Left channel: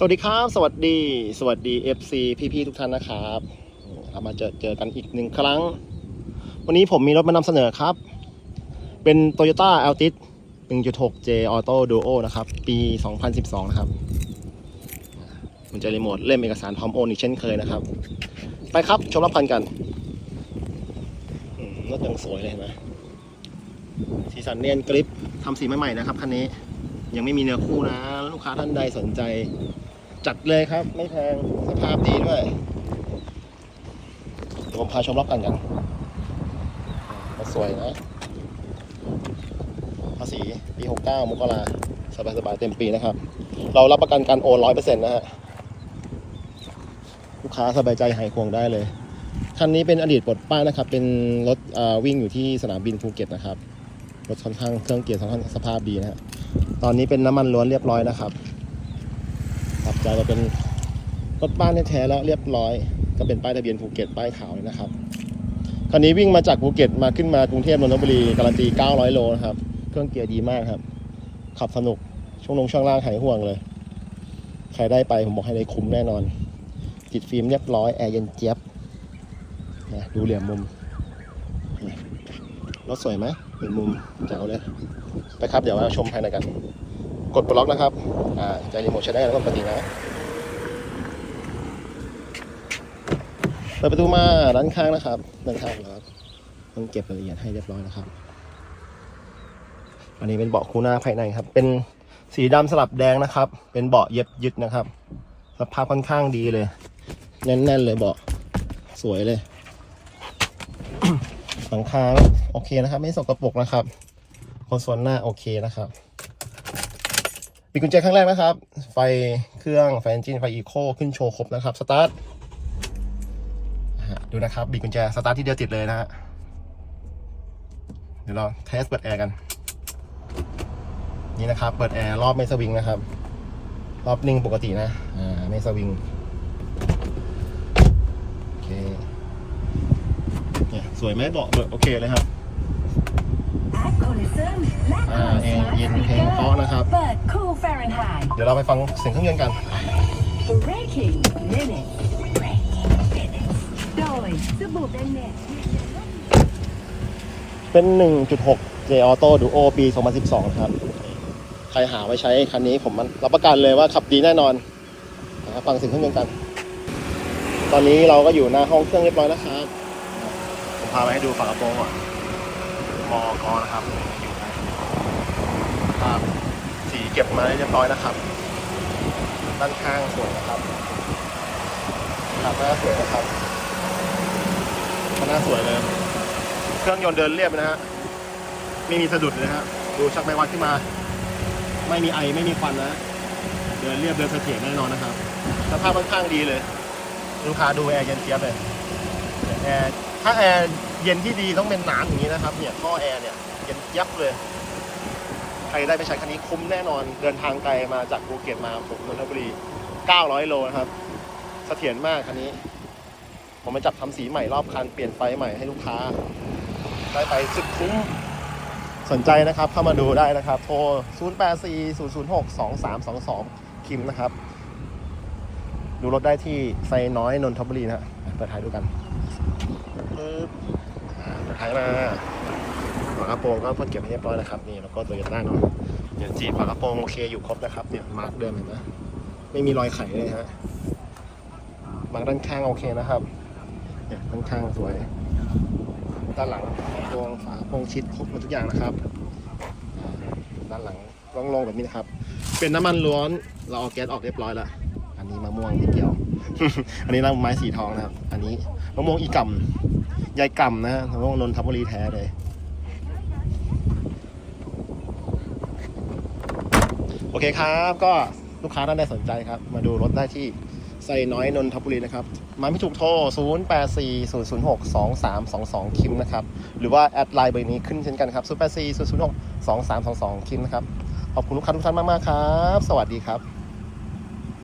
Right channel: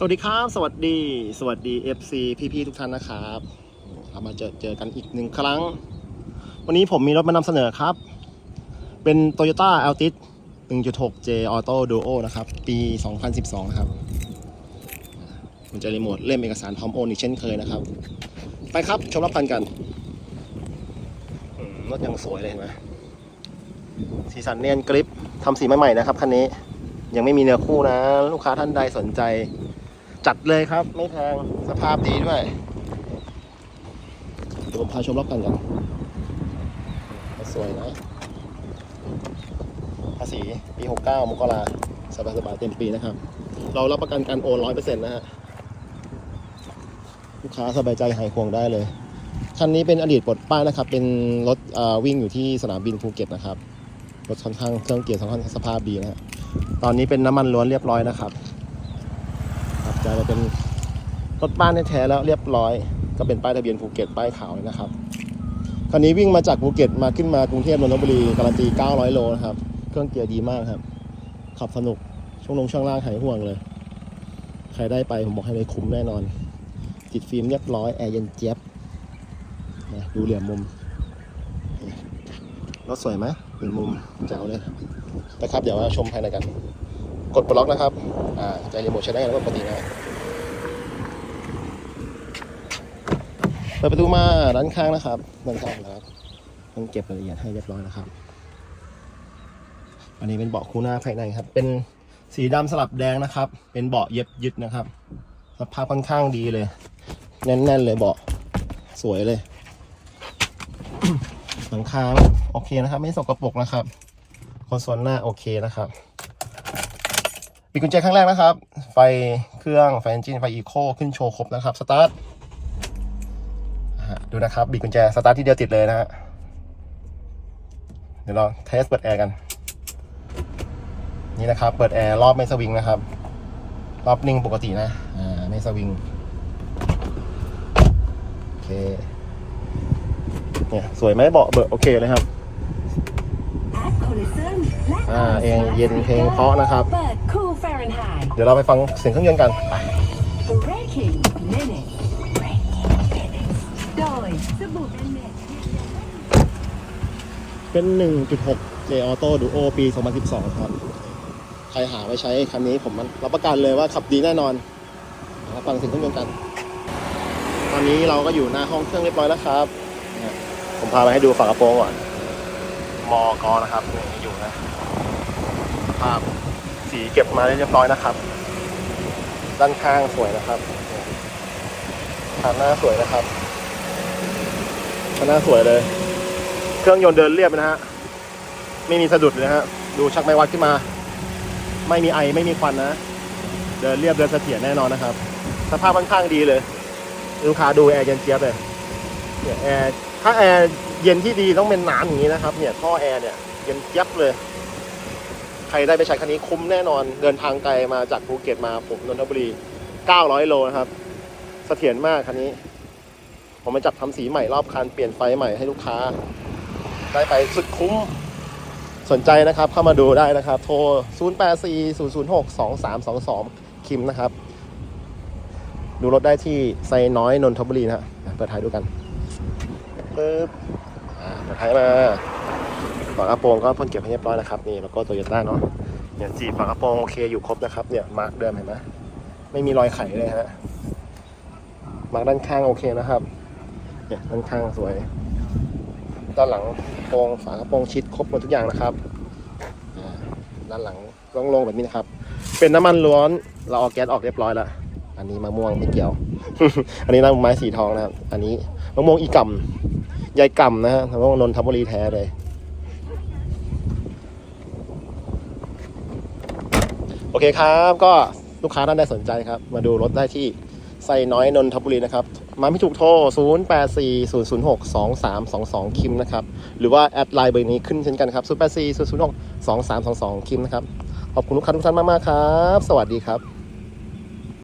สวัสดีครับ สวัสดี สวัสดี FC พี่ๆทุกท่านนะครับเรามาเจอเจอกันอีกหนึ่งครั้ง วันนี้ผมมีรถมานำเสนอครับ เป็น Toyota Altis 1.6 J Auto Duo นะครับ ปี 2012 นะครับ มันจะรีโมทเล่มเอกสารพร้อมโอนอีกเช่นเคยนะครับ ไปครับชมรับพันกันรถยังสวยเลยเห็นไหมสีสันเนียนกริปทำสีใหม่ๆนะครับคันนี้ยังไม่มีเนื้อคู่นะ ลูกค้าท่านใดสนใจ จัดเลยครับ ไม่แพงสภาพดีด้วย เดี๋ยวผมพาชมรอบกันกันอ่าสวยนะภาษีปี 69 มกราสบายสบายๆเต็มปีนะครับ เรารับประกันการโอนร้อยเปอร์เซ็นต์นะฮะ ลูกค้าสบายใจหายห่วงได้เลย คันนี้เป็นอดีตปลดป้ายนะครับ เป็นรถวิ่งอยู่ที่สนามบินภูเก็ตนะครับ รถค่อนข้างเครื่องเกียร์ค่อนข้างสภาพดีนะฮะ ตอนนี้เป็นน้ำมันล้วนเรียบร้อยนะครับ ขับใจมาเป็นรถบ้านแท้แล้วเรียบร้อย ก็เป็นป้ายทะเบียนภูเก็ตป้ายขาวนะครับคันนี้วิ่งมาจากภูเก็ตมาขึ้นมากรุงเทพนนทบุรีการันตี 900 โลนะครับเครื่องเกียร์ดีมากครับ ขับสนุกช่วงลงช่วงล่างหายห่วงเลย ใครได้ไปผมบอกให้เลยคุ้มแน่นอน ติดฟิล์มเรียบร้อยแอร์เย็นเจี๊ยบนะดูเหลี่ยมมุมรถสวยไหมเหลี่ยมมุมแจ๋วเลย ไปครับเดี๋ยวมาชมภายในกัน กดปลดล็อกนะครับ อ่าใจรีโมทใช้ได้แล้วก็ปกตินะ เปิดประตูมาด้านข้างนะครับด้านข้างนะครับต้องเก็บรายละเอียดให้เรียบร้อยนะครับ อันนี้เป็นเบาะคู่หน้าภายในครับ เป็นสีดำสลับแดงนะครับ เป็นเบาะเย็บยึดนะครับ สภาพค่อนข้างดีเลย แน่นๆเลยเบาะสวยเลย หลังคาโอเคนะครับ ไม่สกปรกนะครับคอนโซลหน้าโอเคนะครับ ปิดกุญแจครั้งแรกนะครับ ไฟเครื่องไฟเอนจินไฟอีโคขึ้นโชว์ครบนะครับ สตาร์ทอะดูนะครับบิดกุญแจสตาร์ทที่เดียวติดเลยนะฮะเดี๋ยวเราเทสเปิดแอร์กัน นี่นะครับ เปิดแอร์รอบไม่สวิงนะครับ รอบนิ่งปกตินะ อ่าไม่สวิงโอเคเนี่ยสวยไหมเบาะเบอร์โอเคเลยครับ อ่าเองเย็นเพลงเพราะนะครับเปิ ด Cool Fahrenheit เดี๋ยวเราไปฟังเสียงเครื่องยนต์กันไป Breaking Minute โดยสบู่เบนเน็ตเป็น 1.6 J Auto Duo ปี 2012 ครับ ใครหาไว้ใช้คันนี้ผมมันรับประกันเลยว่าขับดีแน่นอนมาฟังเสียงเครื่องยนต์กัน ตอนนี้เราก็อยู่หน้าห้องเครื่องเรียบร้อยนะครับ ผมพาไปให้ดูฝากระโปรงก่อนพอกอนะครับครับสีเก็บมาเรียบร้อยนะครับ ด้านข้างสวยนะครับขอบหน้าสวยนะครับขอบหน้าสวยเลย เครื่องยนต์เดินเรียบนะฮะ ไม่มีสะดุดนะฮะ ดูชักไม้วัดขึ้นมา ไม่มีไอไม่มีควันนะ เดินเรียบเดินเสถียรแน่นอนนะครับ สภาพค่อนข้างดีเลยลูกค้าดูแอร์เย็นเจี๊ยบเลยแอร์ถ้าแอร์เย็นที่ดีต้องเป็นน้ำอย่างนี้นะครับเนี่ยท่อแอร์เนี่ยเย็นเจี๊ยบเลย ใครได้ไปใช้คันนี้คุ้มแน่นอนเดินทางไกลมาจากภูเก็ตมาปกนนทบุรี 900 โลนะครับเสถียรมากคันนี้ ผมมาจับทำสีใหม่รอบคันเปลี่ยนไฟใหม่ให้ลูกค้า ได้ไปสุดคุ้มสนใจนะครับเข้ามาดูได้นะครับ โทร 0 8 4 0 0 6 2 3 2 2 คิมนะครับ ดูรถได้ที่ไซน้อยนนทบุรีนะฮะเปิดท้ายดูกันปึ๊บอ่าเปิดท้ายมาากระโปรงก็เพิ่งเก็บให้เรียบร้อยนะครับนี่แล้วก็โตโยต้าเนาะเดี๋ยวจีบฝากระโปรงโอเคอยู่ครบนะครับเนี่ยมาร์กเดิมเห็นไหมไม่มีรอยไขเลยฮะมาร์กด้านข้างโอเคนะครับเนี่ยด้านข้างสวยด้านหลังโปรงฝากระโปรงชิดครบหมดทุกอย่างนะครับด้านหลังโล่งๆแบบนี้นะครับ เป็นน้ำมันล้วนเราเอาแก๊สออกเรียบร้อยแล้วอันนี้มะม่วงที่เกี่ยว อันนี้น้ำไม้สีทองนะครับ อันนี้มะม่วงอีก่ำยายก่ำนะฮะมะม่วงนนทบุรีแท้เลย โอเคครับ ก็ลูกค้าท่านใดสนใจครับ มาดูรถได้ที่ไซน้อยนนทบุรีนะครับ มาไม่ถูกโทร 0 8 4 0 0 6 2 3 2 2 คิมนะครับ หรือว่าแอดไลน์เบอร์นี้ขึ้นเช่นกันครับ 0 8 4 0 0 6 2 3 2 2 คิมนะครับ ขอบคุณลูกค้าทุกท่านมาก ๆ ครับ สวัสดีครับ